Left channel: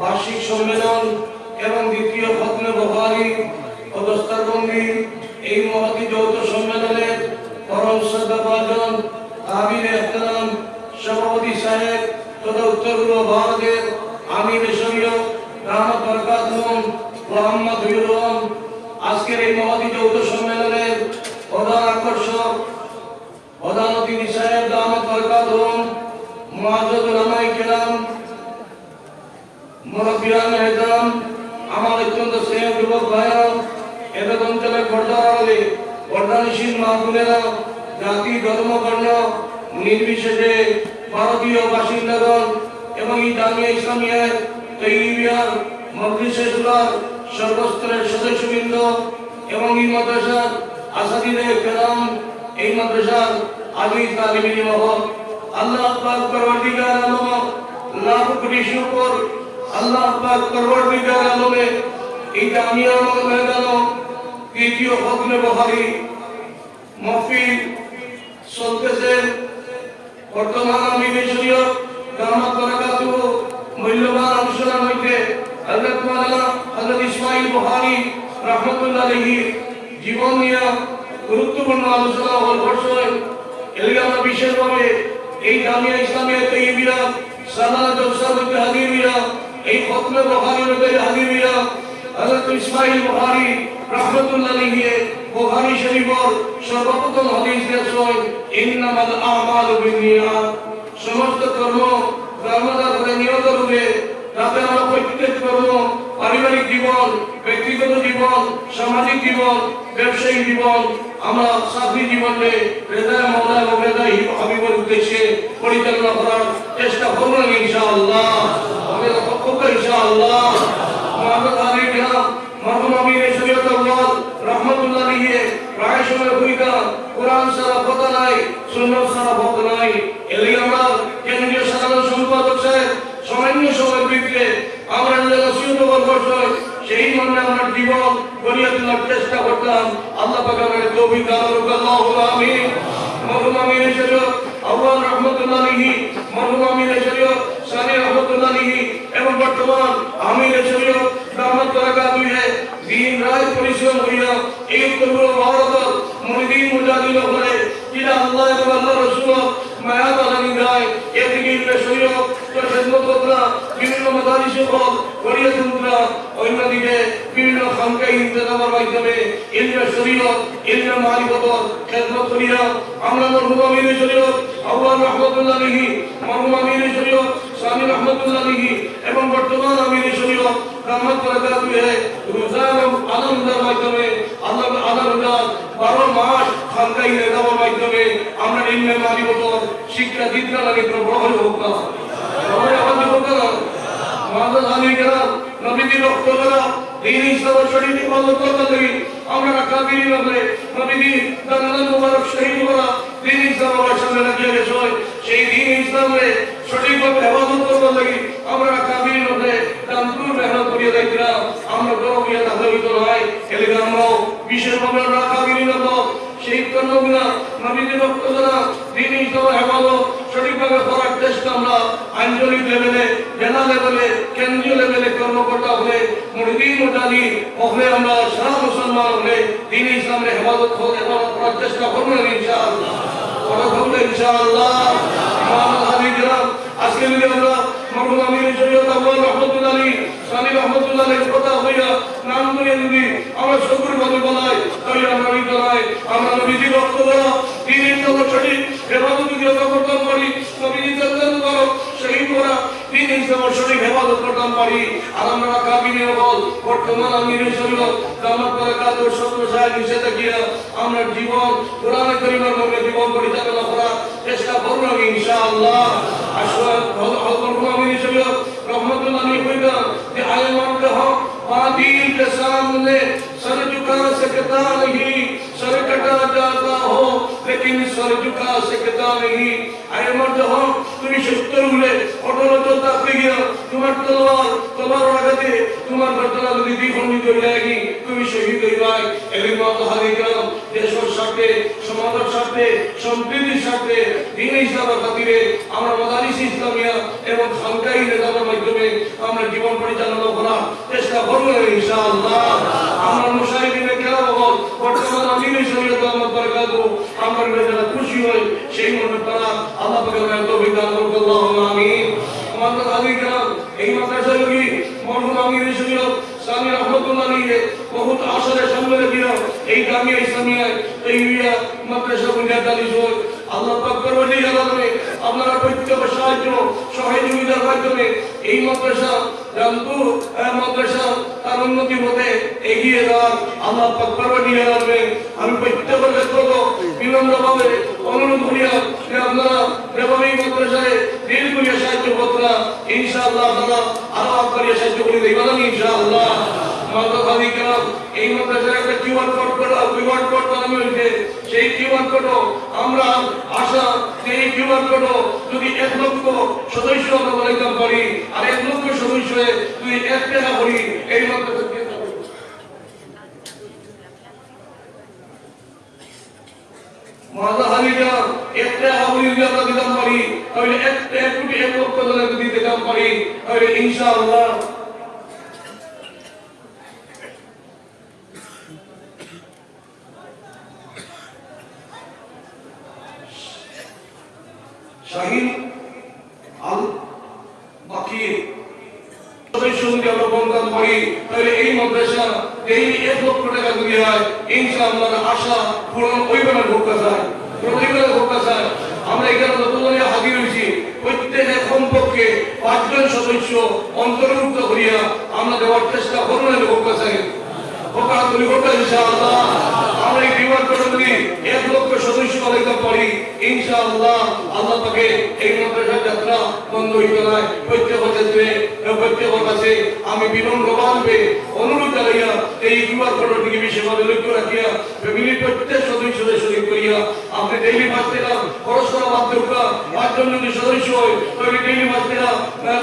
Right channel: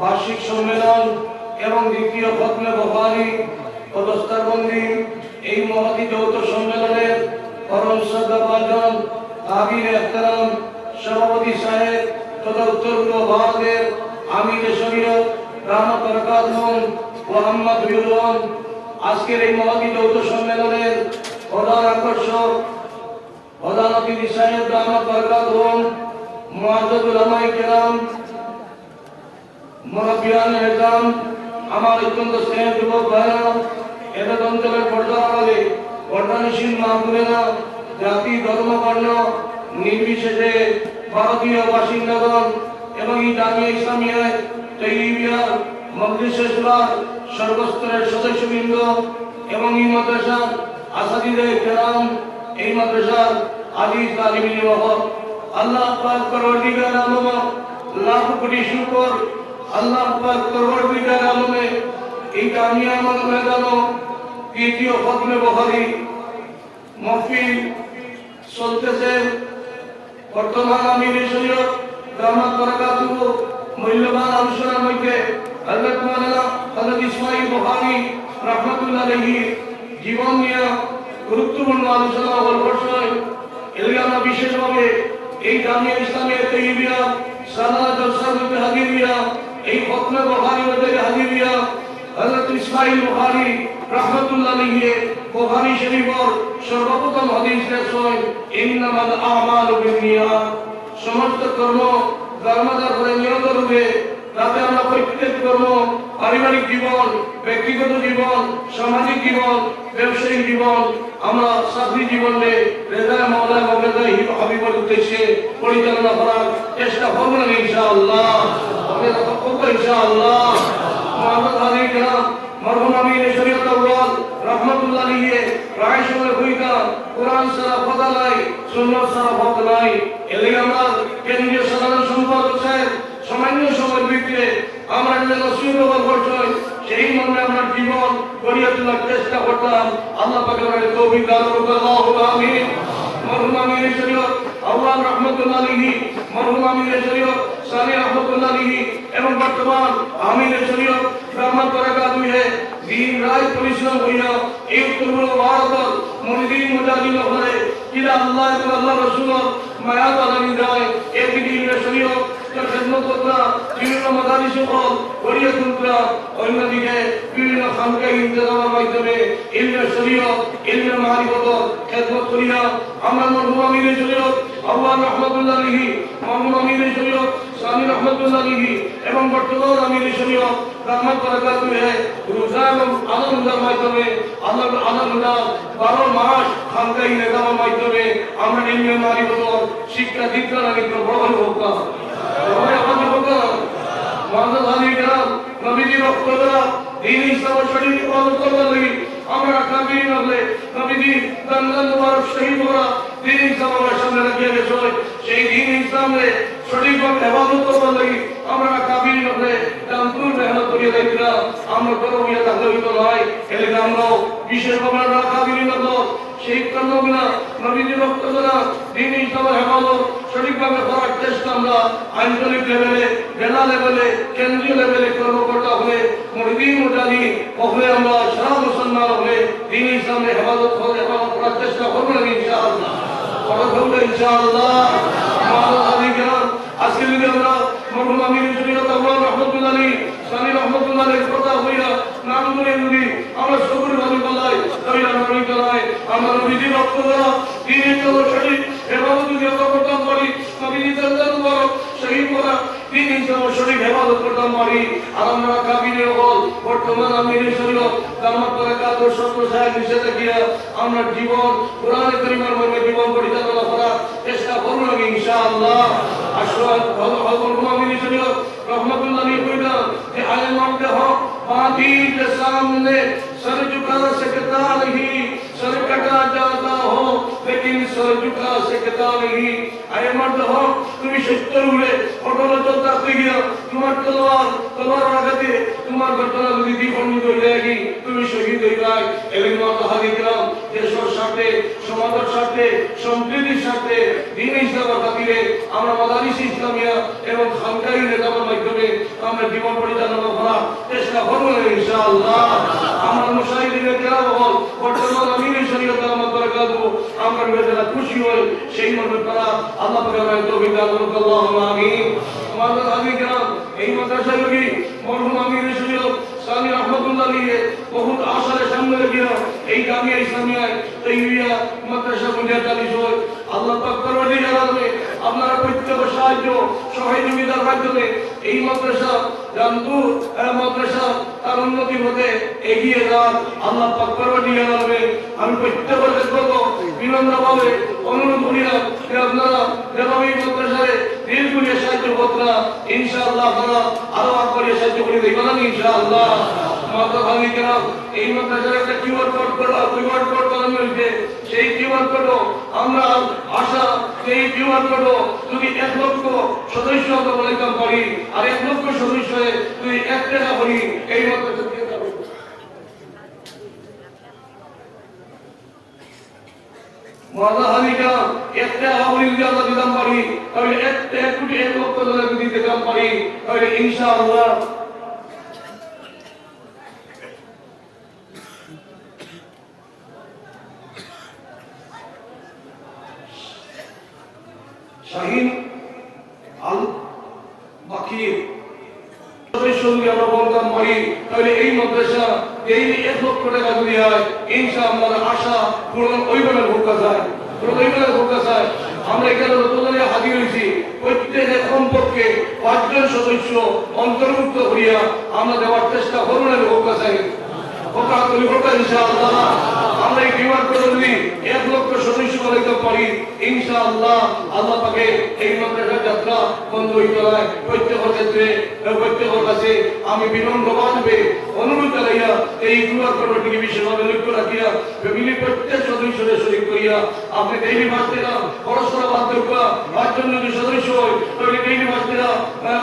বার্ষিক সম্মেলন এবং দ্বিতীয় খতমে বুখারী অবস্থাবন্দি এই মহতী যৌথ সম্মেলনের পরম শ্রদ্ধাভাজন আমির এহতেরাম সভাপতি সাহেব তথা উত্তর পূর্ব ভারতের আমির শরীয়ত দামাত বরকাতুহুম মোহাম্মদ বিউরম আজকের এই মহতী যৌথ সম্মেলনের প্রধান আকর্ষক প্রধান অতিথি সাহেব দামাত বরকাতুহুম মুআজ্জাজ উলামায়ে কেরাম মুরব্বিয়ান এহতারাম আমার অত্যন্ত স্নেহ যুবক ভাইরা এদের অঞ্চলের পর্দারে পর্দানিশীল মা বোনেরা জাতি ধর্ম বর্ণ নির্বিশেষে ভারতীয় বাসিন্দাগণ এবং এই জামিয়া ইসলামিয়া তৈয়িবিয়ার মজলিসে শুরার সর্বস্তরের সদস্যবৃন্দ এবং এই মাদ্রাসার আসাদিদে কেরাম এই মাদ্রাসার আদি তালিমিন হক আল্লাহ পাক পরওয়ারদিগার আলম লাখ কোটি শুকর আল্লাহ পাক পরওয়ারদিগার আলমে এই জামিয়া ময়দান তৃতীয় খতমে বুখারী মাহফিল চলতেছে। বর্তমান আমির শরীয়ত দামাত বরকাতুহু মূল্যবান আলোচনার মধ্যে হযরত মাওলানা হযরত ইসমাঈল বুখারী রাহমাতুল্লাহ আলাইহি জীবন নিয়ে গুরুত্বপূর্ণ আলোচনা করছেন। এর আমরা বিশেষভাবে এই জামিয়া ইসলামিয়া তৈয়িবিয়া সালাত জলসা হাদিরিয়া এই খতমে বুখারী মধ্যে হাদিরিয়া হযরত ইসমাঈল বুখারী রাহমাতুল্লাহ আলাইহি বুখারী শরীফের সর্বপ্রথম হাদিস দেখছেন ইন্নামাল আমালু বিন্নিয়াত সমস্ত কর্ম কর্মদ্বারা নিয়ত রূপে তাতে আমরা প্রত্যেক কর্ম পারিবারিক জীবন ব্যক্তিগত জীবন সামাজিক জীবন ব্যবসায়িক জীবন আমরা চাকরি জীবনে রেজায় মওলা এবং রেজায় হাবিবের উদ্দেশ্যে পরিচালনা করার চেষ্টা করব ইনশাআল্লাহ। আমাদের পক্ষ ইনশাআল্লাহ আমরা তাদের মরহুম আমির শরীয়ত আউয়াল রাহমাতুল্লাহ আলাইহি প্রায় সময় ভূমিকা কোরআন সারা কথা নাই সুন্নাত সারা কথা নাই। এর আমরা কেন্দ্রীয় সাধারণ সম্পাদক সাহেব সামান্য সময়ের ভিতরে আমরা যে ওসিয়ত করছেন সেই মনে আমরা জীবন গড়িয়ে তোলার চেষ্টা করতাম। আল্লাহ পাক আমাদের তৌফিক দান করুন আল্লাহুম্মা আমিন। মরহুম আমির শরীয়ত আউয়াল রাহমাতুল্লাহ আলাইহি মরহুম আমির শরীয়ত সানি রাহমাতুল্লাহ আলাইহি এবং বর্তমান আমির শরীয়ত দামাত বরকাতুহু দিন রাত পরিশ্রম করিয়া এই কবুল ভারত মুরিদিন মুজাহিদিন হলে কিলা আল্লাহ এবং আল্লাহ রাসূল মায়া বালানি রায় এদিকে শরীয়ত খেদমত করা বিভিন্ন মাদারিস হল গড়িয়ে তুলরা অন্যদিকে বিভিন্ন খানকাহ ইন্তেজামের মাধ্যমে ইলমে শরীয়ত ইলমে মারিফত খেদমত করিয়া আমরা মরহুম আমির শরীয়ত আউয়াল রাহমাতুল্লাহ আলাইহি মরহুম আমির শরীয়ত সানি রাহমাতুল্লাহ আলাইহি এবং বর্তমান আমির শরীয়ত দামাত বরকাতুহু রোজান আলমদার মাধ্যমে আলমদার 12 মাস খানকাহ ইন্তেজামের মাধ্যমে আমরা ইলমে মারিফত শিক্ষা দীক্ষা লাগে প্রবল হোক না নবীজি বক্তব্যরা দিন ইসলাম শরীফ ইবাদত করতে লাগি আমরা কাবির লাগলে নবীজি দন্দন মুবারক শহীদ করা দিন ইসলামের সামনে রাখিয়া গেছে সেই দিন ইসলামে সঠিকভাবে ইবাদত করতে লাগি আমরা কাবির লাগলে দানপুর মেহনত করিয়া দেখলাম আমরা বড় ইয়া দাবিত নয় এলে আমরাও আঞ্চলিক লেভেলে, জেলা লেভেলে, কেন্দ্রীয় লেভেলে কর্মকর্তা হলে, মুরিদি মুজাদি হলে, আমরা সারা মুসলমান হলে দিন ইসলামের হেফাজত করার চেষ্টা করবো না ইনশাআল্লাহ। ইনশাআল্লাহ আজকে যদি আমরা মরহুম আমির শরীয়ত আল্লাহ রহমতুল্লাহ আলী স্বামী রহমতুল্লাহ আলীর কথা হইয়া নাম করে যদি আমরা সবুর বাড়ি বানাই, বাড়ি বানাই, আমরা নবীজি রক্ত দেওয়া দিনের জন্য সঠিক হেফাজত যদি আমরা করতাম পারি, নবীজি শহীদ করা দিন ইসলাম সঠিক হেফাজত করতাম পারি। আর আমরা কাবিনে বল বর্তমান আমির শরীয়ত দামাত বারাকাত ও সত্য সাহেব নিষেধ কিয়া আমরা জীবন কোরআনে কারিমের মধ্যে জীবন পরিচালনা করা চেষ্টা করব ইনশাআল্লাহ। আসল মরহুম আমির শরীয়ত রহমতুল্লাহ আলী কইলা যে আলেমোं হক बादील के सामने सर झुका सकता नहीं, सर कटा जाता हो लेकिन सर झुका सकता नहीं। अरे मर्द हो তুমি সত্য হলে অটলত থাকতে গিয়া তোমার তলোয়ার আঘাতে তোমার ঘটনা যদি দ্বিখণ্ডিত হয়ে যায়, তুমি শহীদ হয়ে যায়। এলিম হাদিকাম দেশের সাথে, সমাজের সাথে, সম্প্রীতির সাথে, দিন ইসলামের খাতিরে আমরা মাদারিস ইসলামিয়া এবং সামদায়ী নেতাদের মাধ্যমে আমরা জীবন পরিচালনা করার চেষ্টা করবো ইনশাআল্লাহ। আমরা মুশাহিদিনে কেরাম হল বর্তমান আমির শরীয়ত দামাত বারাকাতুহু আমরা যারা খুশি হই সেই মনে করা আল্লাহ পাক আমাদের তৌফিক দান করুন। আল্লাহুম্মা আমিন। আমাদের হাদিকাম এই মাদ্রাসাগুলি মরহুম আমির শরীয়ত স্বামী রহমতুল্লাহ আলীকে বহুত আশারে সামনে রেখে এই জামিয়া ইসলামিয়ায় তৈরিয়া মাদ্রাসা বুনিয়াদ আলী হয়। আল্লাহ পাক পরওয়ারদিগার আলমে আপনারা প্রত্যেক সাহায্য সহযোগিতার মাধ্যমে এই মাদ্রাসা রামপুর মাদ্রাসা তার উন্নতি হতে এগিয়ে যান। আল্লাহ পাক পরওয়ারদিগার আলমে আমি প্রত্যেকের করব বিনম্রভাবে অনুরোধ করিয়া যে আপনারা যেভাবে এই মাদ্রাসায় দিল করিয়া সাহায্য করতে ইনশাআল্লাহ আপনারা আরো করিয়া সাহায্য করে দেবেন ইনশাআল্লাহ। এই মাদ্রাসার একটা কিউআর কোড বানানো হয়েছে, সেই কিউআর কোড আমরা আশা সেই কিউআর কোড যদি 1 লক্ষ সদস্য আমরা বানাইতে পারি আর 1 লক্ষ সদস্য যদি 1 টাকা করি এই মাদ্রাসা মাদা হালিকা একটা হাবিলিয়া দিতাম পারি, তাহলে 1 কোটি 1 লক্ষ টাকা যদি দিতাম পারি তাহলে ইনশাআল্লাহ শাহিন আল বাকির সদস্যকে আমরা বলতাম পারি তাহলে এই মাদ্রাসা এই 1 লক্ষ টাকা দিয়ে ইনশাআল্লাহ আশা পূরণ ওইভাবে ভোকা যায়, আমরা এখানে নতুন হাজির হয়েছি। প্রত্যেকে কমপক্ষে 5 জন সদস্য অন্তর্ভুক্ত করিয়া আমরা দেওয়ার চেষ্টা করবো না ভোকা চাই ভোকা ইনশাআল্লাহ। আমরা এই কিউআর কোড যদি 1 লক্ষ সদস্য বানাইতে পারি ইনশাআল্লাহ আল্লাহ পাকে এই মাদ্রাসার যাত্রা বন্ধ হইতে হয়। প্রত্যেকের ক্ষেত্রে প্রত্যেকের কাছে আমি বিনম্রভাবে অনুরোধ জানাইয়া এই কিউআর কোডটিকে বিশেষভাবে লক্ষ্য রাখিয়া ফ্যামিলির প্রত্যেক সদস্যদের শরীর করিয়া আপনি ডেইলি মাস থেকে খরচ করা বাদ দেওয়া 5 জন যদি সদস্য হয় তাহলে ডেইলি মাস থেকে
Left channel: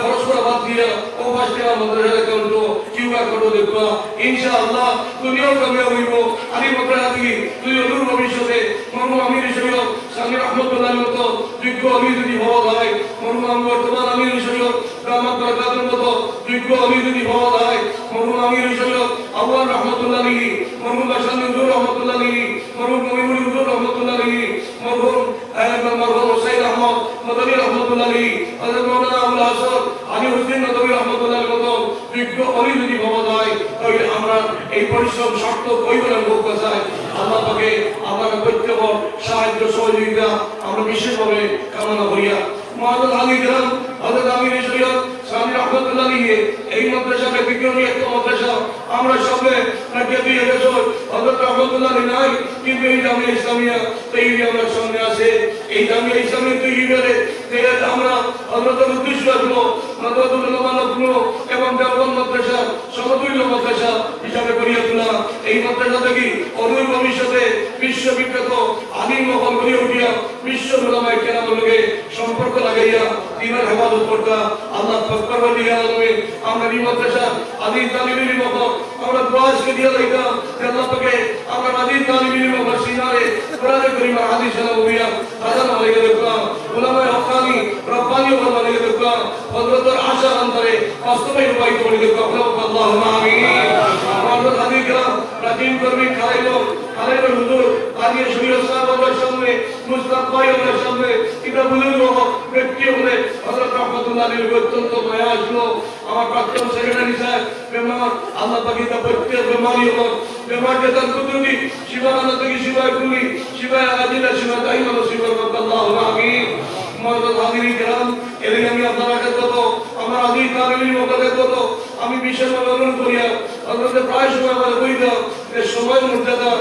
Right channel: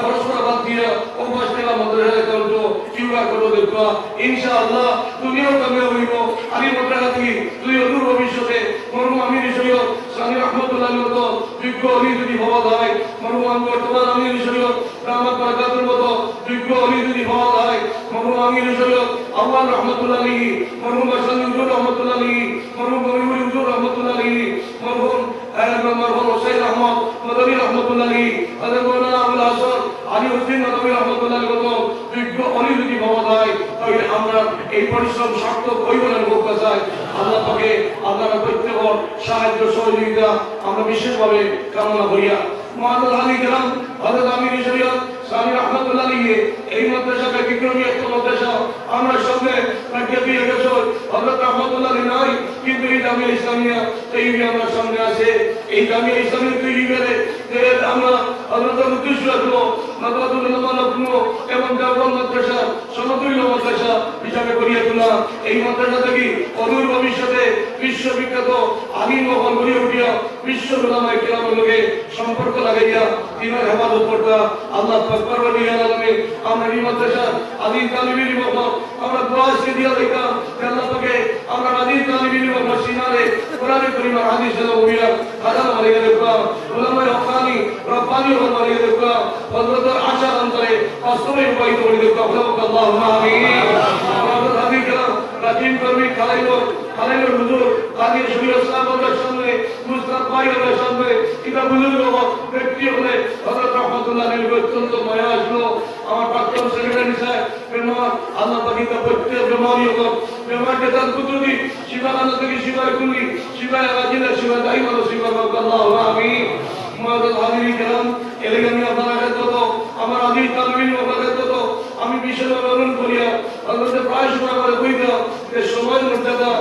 খরচ করা বাদ দিয়া ও মাস থেকে মাদ্রাসার অ্যাকাউন্ট কিউআর কোড দেওয়া ইনশাআল্লাহ দুনিয়াও কামিয়াব হইব। আলী মাদ্রাসা থেকে যদি অদূর ভবিষ্যতে মরহুম আমির শরীয়ত স্বামী রহমতুল্লাহ আলীর মতো যোগ্য আমির যদি হওয়া যায়, মরহুম বর্তমান আমির শরীয়ত দামাত বারাকাতুহুর মতো যোগ্য আমির যদি হওয়া যায়, মরহুম আমির শরীয়ত আউয়াল রহমতুল্লাহ আলী, মরহুম হাসান হুজুর রহমতুল্লাহ আলী, মরহুম করিমুল হুজুর রহমতুল্লাহ আলী, মরহুম হুসাইন আহমদ মাদানী রহমতুল্লাহ আলী, হযরত মাওলানা আবুল হাসান আলী হুসেন মাদানী রহমতুল্লাহ আলীর মতো যোগ্য আমির যদি হওয়া যায় তাহলে আমরা এই পরিশ্রম সার্থক হইব না ভোকা যায়। আল্লাহ পাকে আপনারা প্রত্যেক সাহায্য সহযোগিতা আমরা বিশেষভাবে কামনা করিয়া মহাদাদ আলী গ্রাম হযরত আমির শরীয়ত স্বামী রহমতুল্লাহ আলী এই মাদ্রাসাকে বিক্রমী একটা মাদ্রাসা আমরা সামনে রাখিয়ে গেছে। হযরত রহমতুল্লাহ আলী নাই কিন্তু এই জামিয়া ইসলামিয়া তৈরি আমরা সামনে আছে। এই জামিয়া ইসলামিয়া তৈরি করে আমরা হযরতের উদ্দেশ্য আসলো মাদ্রাসাতুল উলামা লখনউ এবং দেওবন্দ মাদ্রাসা সমতুল্য মাদ্রাসা হিসাবে গড়িয়া তোলা। এই মাদ্রাসা থেকে অদূর ভবিষ্যতে বিশ্ববিখ্যাত আলিম মহল গড়ে উঠিয়া বিশ্ব উলামায়ে কেরামের লগে সম্পর্ক লাগাইয়া দিনের হেফাজত করতা আল্লাহ পাক পরওয়ারদিগার আলমে আমরা এই মাদ্রাসা আদি তালিবের মতো আমরা দোয়া করে দিয়া লইতা আল্লাহ পাকে আমরা আদি তালিবের মতো সিনারে কোরআনে কারীম হাদিস নববিয়া আযান হইয়া দেখা উলামায়ে হক্কানি রব্বানি হইয়া দেখা বাস্তবে রূপায়িত করে দিক আল্লাহুম্মা আমিন। আমাদের হাদিকা প্রাচীন কর্মী খালাইলো হুজুর আগে শুয়ে সাহাবাদের সামনে মুস্তাফা এর সামনে কিতাব বুজুর্গ ব্যক্তি হলে হযরত রহমাতুল্লাহ আলাইহি অত্যন্ত মায়া আসলো। আমার প্রাক্তন সেক্রেটারি সাহেব বেমার আল্লাহ পাকি তা প্রত্যেক বেমারি হোক বেমার দেতার কুতুবি শিবানা থেকে শিবায় কুলি শিবায় আজিলা শিবায় দাইমান শিবায় আল্লাহুম্মা আমিন। আমাদের হাজিরি কেরাম এদিকে আমি আপনারা কত আমার আজিজ তালিবিন মধ্যে কত আমি বিশেষভাবে অনুরোধ করিয়া আপনাদের প্রায় সময় আমাদের বইটা যে সময় মর্যাদা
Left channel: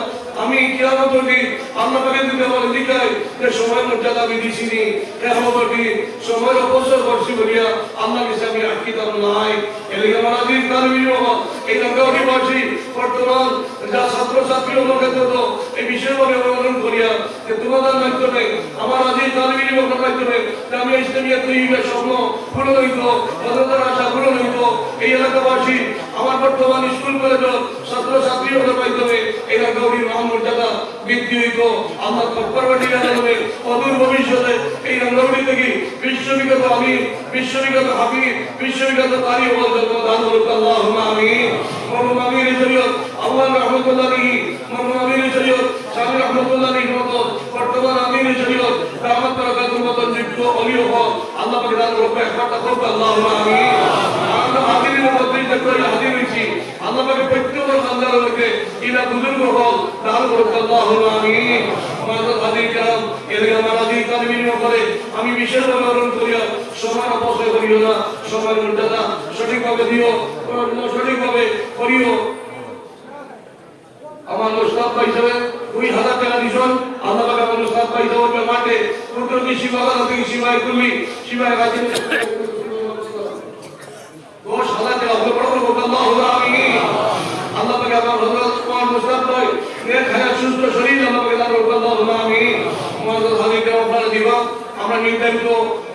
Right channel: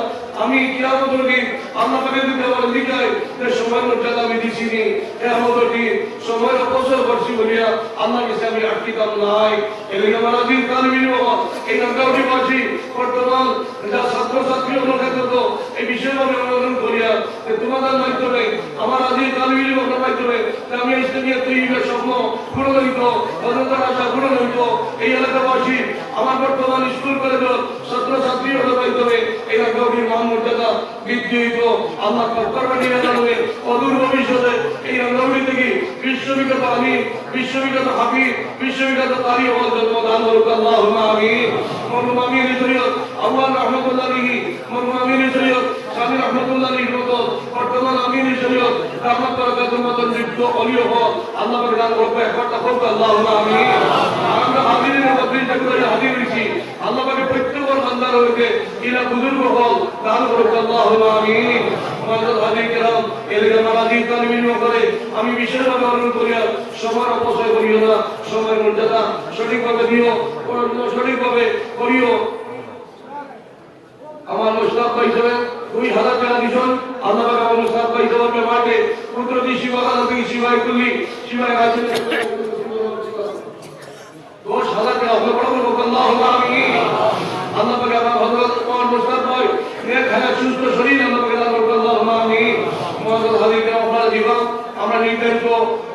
আমি কিয়ামত দিন আল্লাহ পাকের দিতে বলে দিকাই যে সময় মর্যাদা আমি দিছিনি কিয়ামত দিন সময় অবসর করছি বলিয়া আল্লাহর কাছে আমি আটকিতাম নাই। এদিকে আমার আজিজ তালিবিন বাবা এই গাঙ্গাউটি বাসী বর্তমান যা ছাত্র ছাত্রী লোকে কত এই বিশেষভাবে অনুরোধ করিয়া যে তোমাদের মাধ্যমে আমার আজিজ তালিবিন বাবার মাধ্যমে আমি ইসলামিয়া তৈরির স্বপ্ন পূরণ হইত বদলার আশা পূরণ হইত এই এলাকাবাসী আমার বর্তমান স্কুল কলেজের ছাত্র ছাত্রী হতে পাইতে এই গাঙ্গাউটির মান মর্যাদা বৃদ্ধি হইত। আল্লাহ তৎপরবাদী জানাবে অদূর ভবিষ্যতে এই গাঙ্গাউটি থেকে বিশ্ববিখ্যাত আমি বিশ্ববিখ্যাত হাফিজ বিশ্ববিখ্যাত তারি হওয়ার জন্য দান হোক আল্লাহুম্মা আমিন। মরহুম আমির শরীয়ত আউয়াল রহমাতুল্লাহ আলাইহি মরহুম আমির শরীয়ত স্বামী রহমাতুল্লাহ আলাইহির মতো বর্তমান আমির শরীয়ত রহমত বরকতের মতো নিত্য অলিও হক আল্লাহ পাক দান করবে একবার হোক আল্লাহুম্মা আমিন। আমরা আমিরের মধ্যে করে হাজির হইছি আল্লাহ পাকের প্রত্যেক বান্দার হইতে ইলা বুজুর্গ হক দান করবে আল্লাহুম্মা আমিন। আমাদের হাজির কেরাম এদের আমার হাজির তালিবিন করে আমি বিশেষভাবে অনুরোধ করিয়া সময় অপচয় করিও না সময় মর্যাদা সঠিকভাবে দিও সঠিকভাবে করিও। আমার মুস্তাফা হিসেবে 2000 টাকা দিছেন আল্লাহ পাক আমার মুস্তাফা হিসেবে মাঠে কুদরতি সীমানা থেকে সীমায় তুলি সীমায় রাখেন 10,000 টাকা হবে বড় হোক আল্লাহুম্মা আমিন। আল্লাহ পাক আমার হযরত কুমার মুস্তাফা নেক হায়াত সুস্থ শরীর আল্লাহ পাক দান করুন আল্লাহুম্মা আমিন। আমাদের হাজিকে আপনারা দিবা আমরা নির্ধারিত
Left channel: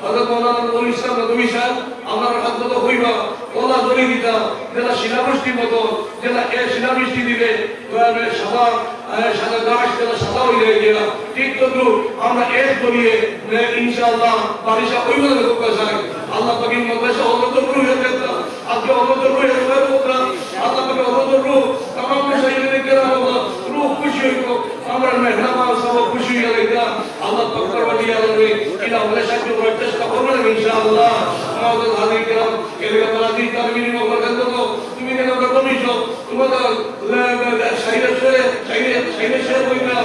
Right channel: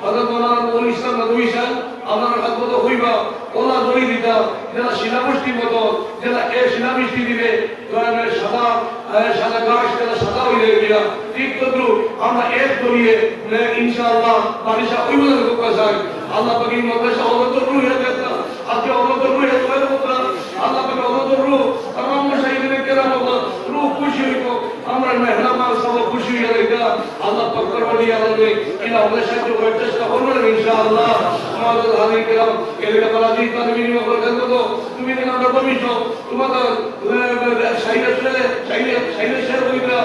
হযরত মাওলানা নবী ইসলাম নবী সাহেব আপনারা খাদমত হইবা ওলা জড়ি দিতা যারা শিলাবৃষ্টি মতো যারা এই শিলাবৃষ্টি দিবে গ্রামের সাদা সাদা গাছ যারা সাদা হয়ে গেলা ঠিক তদ্রুপ আমরা এক করিয়ে ইনশাআল্লাহ বারিশা ওইভাবে লোক চাই আল্লাহ পাকের মাদ্রাসা অবতর হয়ে যেতা আজকে অবতর হয়ে যাবে প্রোগ্রাম আল্লাহ পাকে অবতর তামাম মশাইখদের কেরাম রূহ খুশি হইতো আমরা মেহরবান সব খুশি হয়ে যাইতা আল্লাহ পাক পরওয়ারি আলামে ইলা আমাদের সাথে করতে চেষ্টা করবেন ইনশাআল্লাহ। আমাদের হাজির কেরাম এর কাছে আজিজ তালিবিন মহল্লা তো তুমি যেন কমিছো তোমাদের সাইলেশন হইতা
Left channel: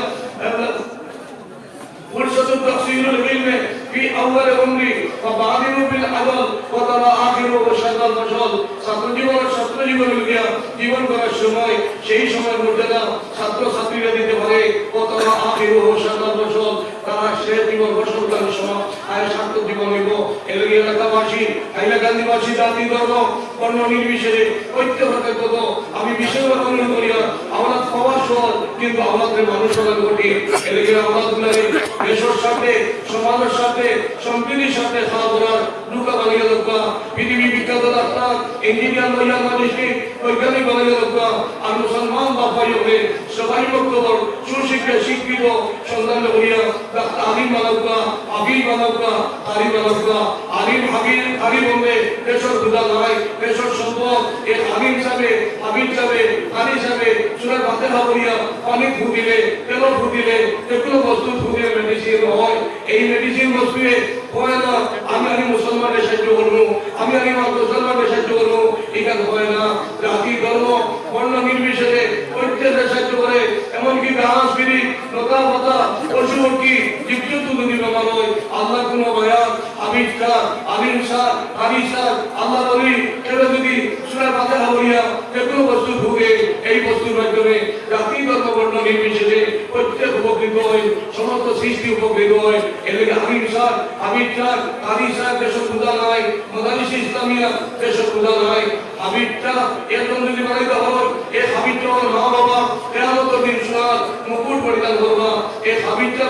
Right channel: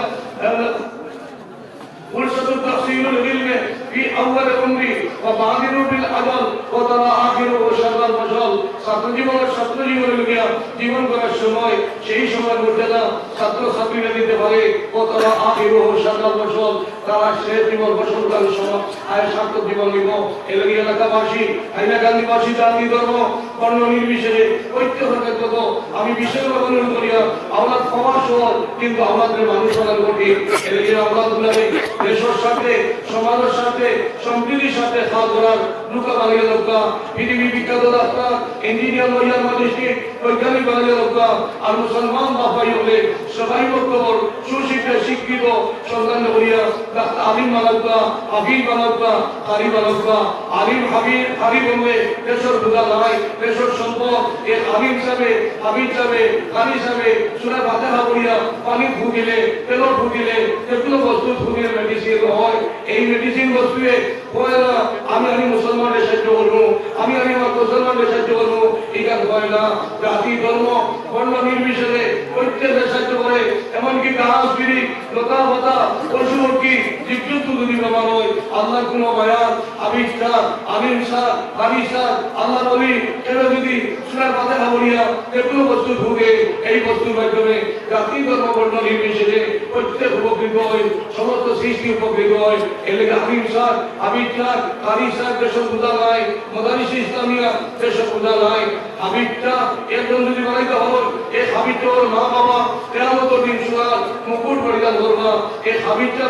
فرصة تحصيل العلم في أول عمري وبادر بالعمل وترى آخره شر الفصل ছাত্র জীবনের গিয়া জীবন করার সময় সেই সময় মর্যাদা ছাত্র ছাত্রীরা দিতে পারে وترى آخره شر الفصل তারা শেষ জীবন ফসল করার সময় আর ছাত্র জীবন নিব এলাকা এলাকাবাসী হাইলাকান্দিবাসী জাতি ধর্ম বর্ণ নির্বিশেষে ঐক্যভাবে কত আমি বিশেষভাবে অনুরোধ করিয়া আওলাদ পাওয়ার সওয়াল কিন্তু আওলাদের মানুষ হওয়ার ঘটি এলাকার আওলাদগুলো দেশের সাথে সমাজের সাথে সম্প্রীতির সাথে কাজ করার লুকা বানিয়ে লোকা পৃথিবী বিখ্যাত ডাক্তার ইঞ্জিনিয়ার লইয়ার ম্যাজিস্ট্রেট বৈজ্ঞানিক বানিয়ে লোকা আর মুসলমান বাপাই হলে সবাই বক্তব্য শিক্ষিত সন্তান করিয়া আলিম বানাওকা হাবিব বানাওকা আরি বানাওকা আলিম হাবিব হলে দেশের দুলা নাই দেশের সম্পদ এই আলিম সাবে হাবিব সাবে আলি সাবে সুরা ফাতিহা করিয়া পানি ফুটিলে তেল ফুটিলে যেগুলো বস্তু ফুটিলে মেডিসিন হয় এই মেডিসিন বস্তুয়ে হয় না আমি মুসলমানের সাহায্য করবো আমি মুসলমানের সাহায্য করবো এটা হয় না জাতি ধর্ম বর্ণ নির্বিশেষে প্রত্যেকের সাহায্য করে এমনকি গাছ বিড়ি লতা পাতা পশু পক্ষী জীবজন্তু যদি বাবা হয় আল্লাহ কোন বায়ান আলিম সার হাবি সার আল্লাহ বলি এরা যদি সূরা ফাতিহা পড়িয়া যেগুলো বস্তু ভুগে এই বস্তুর মাধ্যমে জাতি ধর্ম বর্ণ নির্বিশেষে প্রত্যেক উপকৃত হয় সমস্ত সৃষ্টি উপকৃত হয় এলাকা আলিম সার হাবিব সার কারি সার যেসব পূজা নাই মাদারিস ইসলামিয়া যেসব পূজা নাই হাবিবটা একজন যদি বানাইতে হয় এই হাবিবটা ওর মা বাবা কেয়ামত দিন শোনার মুকুট পরিধান করবা এই হাবিবটা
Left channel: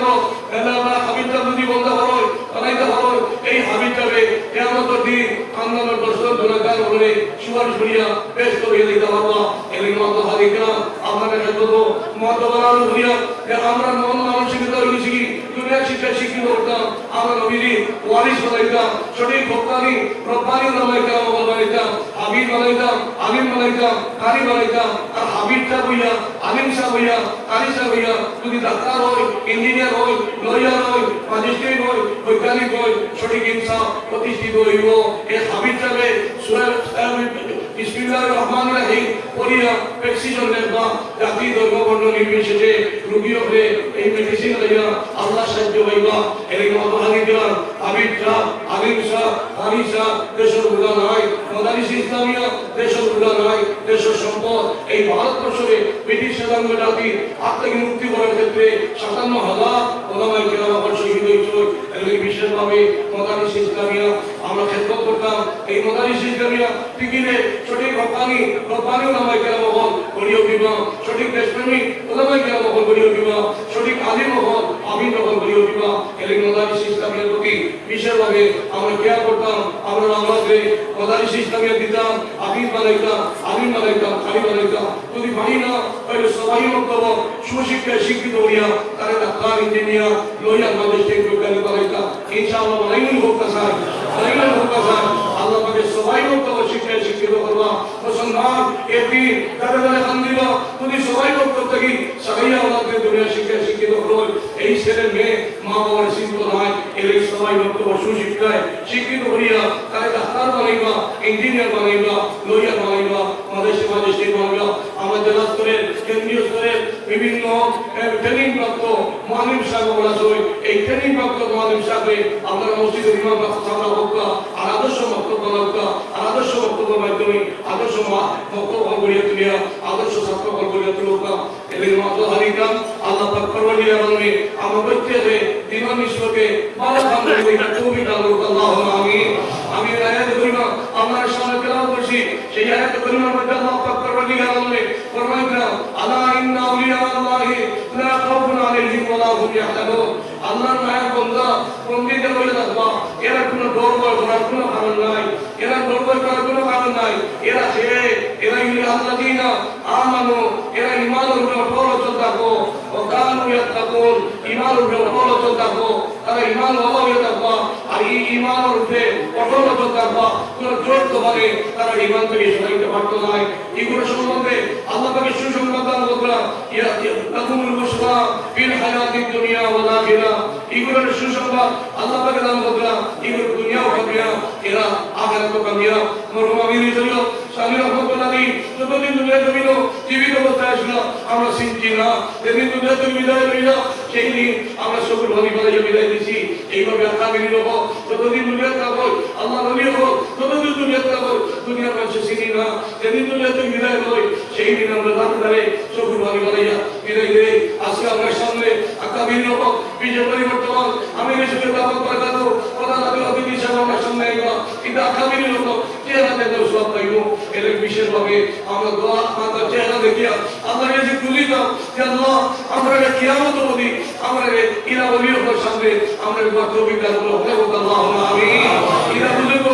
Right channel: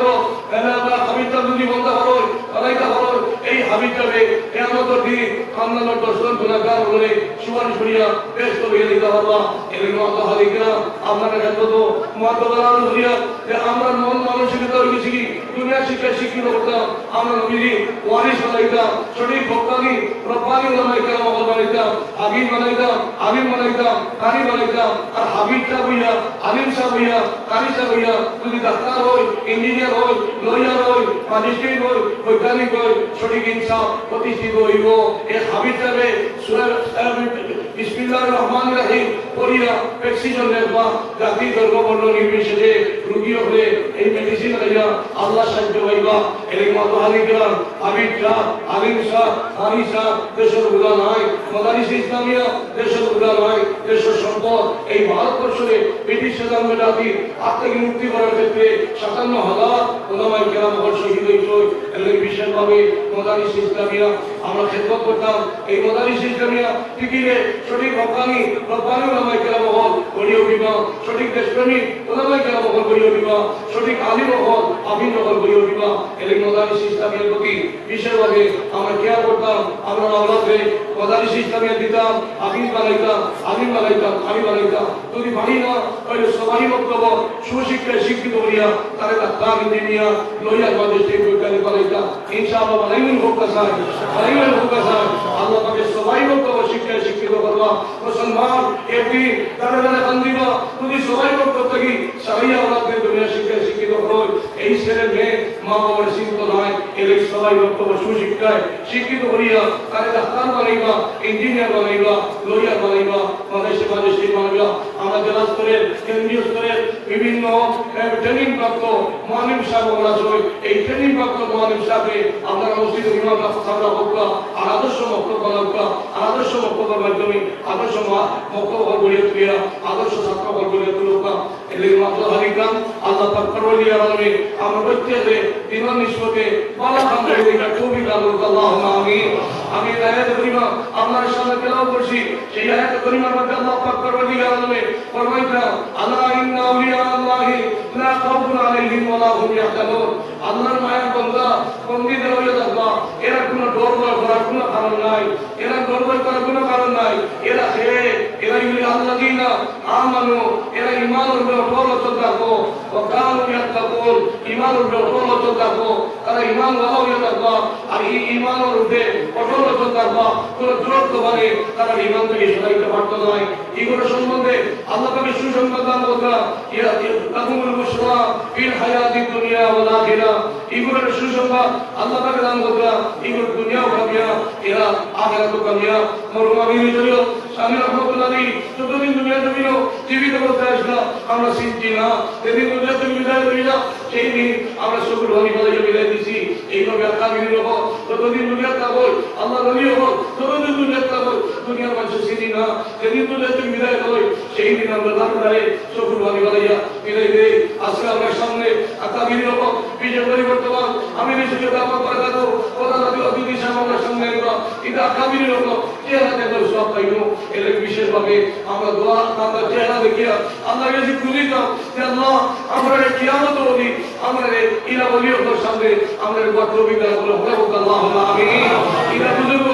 হাবিবটা যদি বলতে হয় বানাইতে হয় এই হাবিবটাকে কেয়ামত দিন কামনার দর্শন গুণাগার হলে সুপারিশ করিয়া ব্যস্ত হয়ে দিতে পারবা এদিকে মত হারিকা আপনার কাছে তো মত বানানো হইয়া যে আমরা মন মানসিকতা হয়েছি দুনিয়া শিক্ষা শিক্ষি করতাম আমরা নবীজি ওয়ারিস হইতাম সঠিক ভক্তানি রব্বানি রমাইতাম বানাইতাম, হাবিব বানাইতাম, আলিম বানাইতাম, কারি বানাইতাম। আর হাবিব সাহেব হইয়া, আলিম সাহেব হইয়া, কারি সাহেব হইয়া যদি ডাক্তার হয়, ইঞ্জিনিয়ার হয়, লয়ার হয়, ম্যাজিস্ট্রেট হয়, বৈজ্ঞানিক হয়, সঠিক ইনসাফ প্রতিষ্ঠিত হইব। এই হাবিব সাহেবে বিসমিল্লাহির রহমানির রহিম পড়িয়া প্রেসক্রিপশনের বা জাতি ধর্ম বর্ণ নির্বিশেষে রোগী হলে এই মেডিসিন লইয়া আল্লাহ সাহায্য হইবা। এই মাতহারি গ্রাম হাবিব সাহেব, আলিম সাহেব, কারি সাহেব দেশের উড়া নাই, মাদারিস ইসলামিয়া দেশের উড়া নাই, দেশের সম্পদ। এই ভারতবর্ষে ব্রিটিশ শাসন জাতি হাত থেকে মুক্তি করার ক্ষেত্রে ৫৭,০০০ ওলামায়ে কেরাম শহীদ হয়েছে। এর বিশেষভাবে মাদারিস ইসলামিয়া আমরা খেদমত করতাম। এই মাদারিস ইসলামিয়া টিকিরে সঠিক রব্বানি ওলামায়ে কেরাম হল গড়িয়ে উঠিবা, সঠিক দেশপ্রেমিক ওলামায়ে কেরাম হল গড়িয়ে উঠিবা, সঠিক আলিম হল আমিন হল গড়িয়ে উঠিবা। এই মাদারিস ইসলামিয়ার প্রতি বিশেষভাবে আমরা খেয়াল করতাম। আমরা আল্লাহকে মাদারিস ইসলামিয়া দিতাম, আমিন বানাইতাম, আলিম বানাইতাম, কারি বানাইতাম। যদি পারি না তাহলে সবাই বক্তব্য সুশিক্ষায় শিক্ষিত হইয়া তারা ডাক্তার, ইঞ্জিনিয়ার, লয়ার, ম্যাজিস্ট্রেট, বৈজ্ঞানিক বানাইতাম। ইনশাআল্লাহ বানাইমুল হোক কাসায়, বানাইমুল হোক কাসায়। আল্লাহ পাকে সবাই বক্তব্য শিক্ষায় শিক্ষিত করবা। মুসলমান একদিন তারা যারা কান দিবা যদি সবাই বক্তব্য থাকি সারাইয়া আল্লাহকে দুনিয়া শিক্ষায় শিক্ষিত হয়। এই ছেলে মেয়ে মা বাবার চিন্তা নাই, এর সবাই বক্তব্য সুশিক্ষায় শিক্ষিত হইয়া তারা ডাক্তার বানাইবা, ইঞ্জিনিয়ার বানাইবা, লয়ার বানাইবা, ম্যাজিস্ট্রেট বানাইবা। আমাদের স্তরের কেন্দ্রীয় স্তরের বিভিন্ন ট্রেনিং প্রাপ্ত মুআল্লিম সাহেব আছে। এই ট্রেনিং প্রাপ্ত মুআল্লিম সাহেবে আপনার মসজিদের ইমাম সাহেবরা হোক আর আদর্শ বক্তব্য হোক, আদর্শ বক্তব্যের মাধ্যমে আদর্শ বক্তব্য গড়িয়ে তুলিয়া আদর্শ ছাত্র গড়িয়ে তুলুক। এদের মাত্র হারিকাম আল্লাহ পাক করলিয়া আলমে আমরা প্রত্যেকে দিমান নিষ্পতে ভালো কাম করে তৌফিক দান করুক। আল্লাহুম্মা আমিন। আমি আয়াত করিমা আপনাদের সামনে তেলাওয়াত করছি। সেই আয়াত করিমার মধ্যে আল্লাহ পাক করলিয়া আলমে ফরমাইতা আলা ইন্না আউলিয়া আল্লাহি লা খাউফুন আলাইহিম ওয়া লা হুম ইয়াহজানুন। আল্লাহর মায়ের বান্দা বন্দীদের হয়ে যাবা, এরা কোনো ডর ভয় করার কোনো কারণ নাই, এরা ডর ভয় করার কোনো কারণ নাই। এরা আল্লাযীনা আমানু, এরা ঈমানের উপর অটল থাকো, ও কানু ইয়াত্তাকুন, ঈমানের উপর অটল থাকো। তারা ঈমান ওয়ালা হয়ে থাকবা, আর এই ঈমানের উপরে অটল থাকবা। কোনো জোর তো মানে তারা ঈমান থেকে সরাইতে পারতো না। এগুলো সম্বন্ধে আল্লাহ পাকের সুসংবাদ দান করলাম। লাকুমুল বুশরা ফিল হায়াতিদ দুনিয়া ওয়াল আখিরাহ। এগুলোর সুসংবাদ আল্লাহ পাকের দান করলাম। এগুলো দুনিয়াও কামিয়াব, এরা আখিরাতও কামিয়াব। মরহুম আমির শরীয়ত স্বামী রহমতুল্লাহ যতদিন দুনিয়া জমিল জীবিত অবস্থায় আসলাম আমরা চিনছি না। যেদিন দুনিয়া থেকে বিদায় হইলা সেই দিন আমরা সকল ভূমি করে বিদায় দিছি। এইভাবে আগামী হোক যতদিন দুনিয়া থাকবো, আল্লাহ বলি হোক যতদিন দুনিয়া থাকবো, দুনিয়ার মানুষ চিনি না। যেদিন দুনিয়া থেকে বিদায় হয় সেই দিন আমরা রাত ধরে সকল ভূমি বানাইয়া বিদায় দেই। আজকে আমরা সামনে আগামী হোক বিশেষ পরিবর্তন আমি হিসেবে দাবত বাড়াবো প্রধান অতিথি সামনের সামনে এটা আগামী হোক চেহারা দেখে সব পাইব। এর বিশেষভাবে আমরা দোয়া আমরা চেহারা দেখিয়া আল্লাহর কাছে খুলি দাও যে আল্লাহ আমরা কিয়ামত বলি আমরা ইলা ওলিয়র সামনে আমরা তৌফিক দান করো। আল্লাহুম্মা আমিন। ইলা বুজুর্গ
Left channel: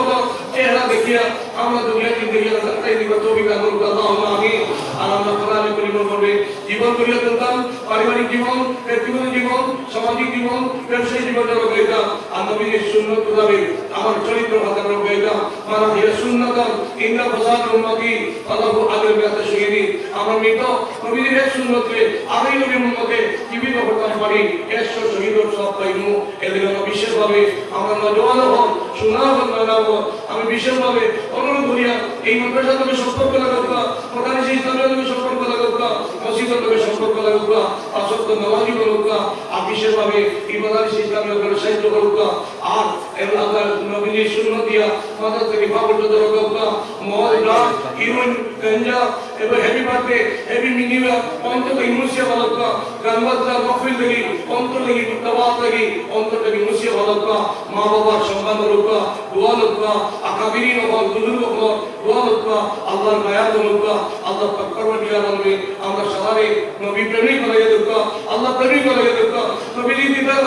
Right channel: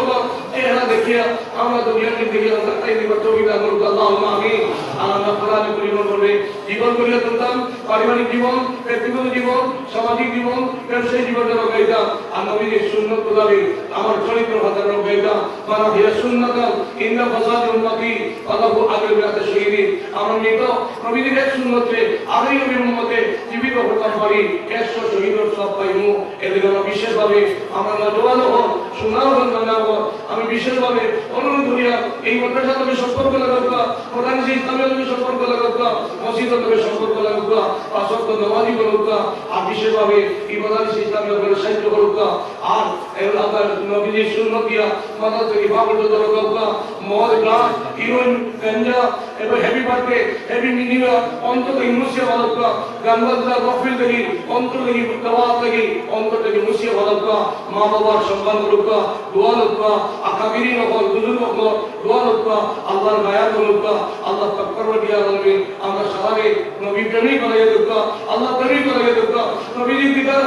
চেহারা দেখিয়া আমরা দুনিয়ার জিন্দেগি আল্লাহ এই দিব তৌফিক দান করো। আল্লাহুম্মা আমিন। আর আমরা কোরআনে পরিবর্তন করে জীবন গড়িয়ে তুলতাম, পারিবারিক জীবন, ব্যক্তিগত জীবন, সামাজিক জীবন, ব্যবসায়িক জীবন গাইতাম। আর নবীর সুন্নাত মোতাবেক আমার চরিত্র ভাষা গাইতাম। মানা হিয়া সুন্নাতাম ইন্না ফাসাদ উম্মতি আল্লাহু আগের ব্যাতে শহীদি। আমরা মৃত নবীর সুন্নতে আগে নবীর উম্মতে জীবিত হতে পারি, একশো শহীদের সব পাইমু। এদের আমরা বিশেষভাবে আমরা নজওয়ান হন সুনাম বানাবো। আমি বিশেষভাবে অনুরোধ করিয়া এই মাদ্রাসার সঙ্গে সম্পর্ক লাগাবো, প্রধান ইসলামের সঙ্গে সম্পর্ক লাগাবো, মসজিদের সঙ্গে সম্পর্ক লাগাবো, আসক্ত নওয়াজি বলুকা। আর বিশেষভাবে ইবাদত ইসলামের উপরে সাহিত্য বলুকা। আর এগুলো আপনার নবীর সুন্নত দিয়া মাথা থেকে পা পর্যন্ত লাগাবো। মদ ড্রাগ হিরোইন গাঞ্জা এবং হেভি বার্থডে হেভি মিনিমা অন্তর থেকে মুসিয়া বলুকা। গানবাজনা মহফিল থেকে অন্তর থেকে দাওয়াত থেকে অন্তর থেকে মুসিয়া বলুকা। মা বাবার সম্মান বলুকা, দোয়া লুকা, আকাবিরি নকল বুজুর্গ নকল দোয়া লুকা, আল্লাহর মায়া বলুকা। আল্লাহ পাক পরবর্তীকালে বলবে আমরা সবাই নবী প্রেমিক হয়ে দেবো, আল্লাহ প্রেমিক হয়ে দেবো, নবীর দিদার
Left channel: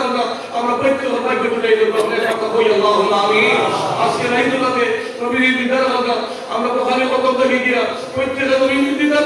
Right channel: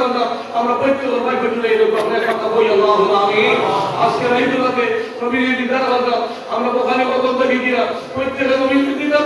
আমরা প্রত্যেক ভাগ্য তুলে দেবো। আপনার কথা বই আল্লাহুম্মা আমিন। আজকে রাইতুলাতে নবীর দিদার আমরা ওখানে কত থেকে গিয়া প্রত্যেক নবীর দিদার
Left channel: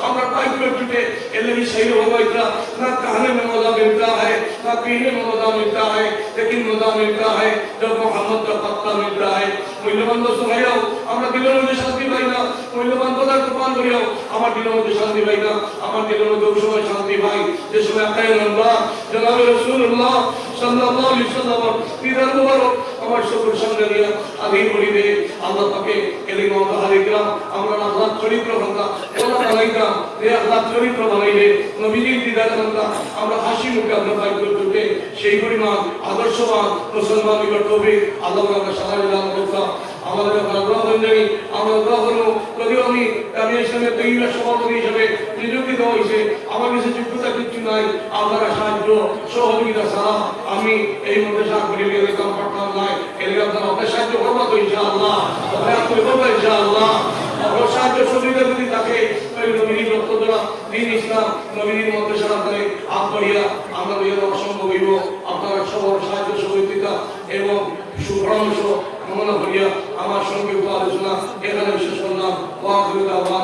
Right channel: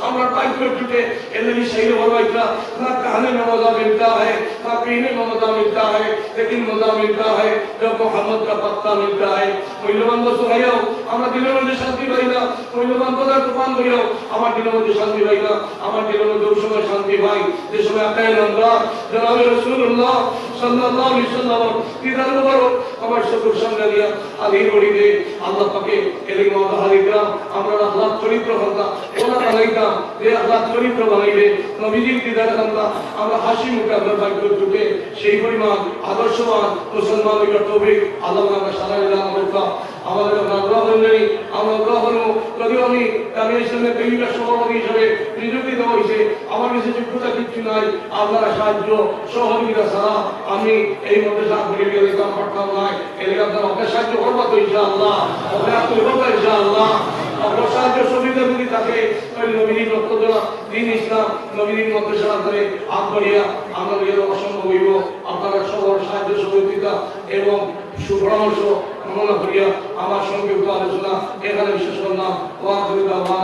আমরা पाई को टूटे एलवी सही हो गई था ना कहने में मजा मिलता है ना पीने में मजा मिलता है लेकिन मजा मिलता है जब मोहम्मद का पत्ता मिलता है मूल्यवान दोस्तों भाइयों আমরা দিলের মধ্যে শান্তি পাই না মূল্যবান পদার্থ পান করিও আমার দিলের মধ্যে শান্তি পাই না আমার দিলের মধ্যে ওই সময় শান্তি পাই যে সময় আল্লাহ জনাবে রাসূলুল্লাহ সাল্লাল্লাহু আলাইহি ওয়াসাল্লাম দিদার মুবারক আমার শুকর সঙ্গে দিয়া আলী করিবে আল্লাহ পাকে কালিমা তাহারিকা আমরা আল্লাহ চরিত্র কথা ওলা বানাইতা যে আল্লাহ চরিত্র বানাইবে নবীজির দিদার কথা আমরা হাসি মুখে আমরা ভাগ্য করবে সেই পরিমাণ আদর্শবান মুসলমানের তৌফিক আল্লাহ আমরা সারা দিলাম কথা আমাদের আগ্রহ অনুযায়ী আমরা গ্রহণ করি আমি ইসলামের তৈরি সভাপতি হিসেবে নিযুক্তি দেওয়া হয়েছে আমার কাছে যোগ্যতা কিছু নাই আপনারা সাহায্য সহযোগিতা ছাড়া আমি এই মধ্যে সাহায্য করে নিয়ে যেতাম পারতাম নাই এদের আপনার সাহায্য করবো তো ইনশাআল্লাহ ইনশাআল্লাহ আমার সাহায্য সুবিধা যদি থাকে ওই নবীর রক্তদ্বারা দিন ইসলাম নবীর মধ্যে সারা করে হাত করিয়া আমাদের অসম্ভব হইব আপনারা সবার সাহায্য সহযোগিতা এবং সুপরামর্শ কামনা করিয়া আমার সঙ্গে আলোচনা এখানে শেষ করলাম ওয়া আখিরু দাওয়ানা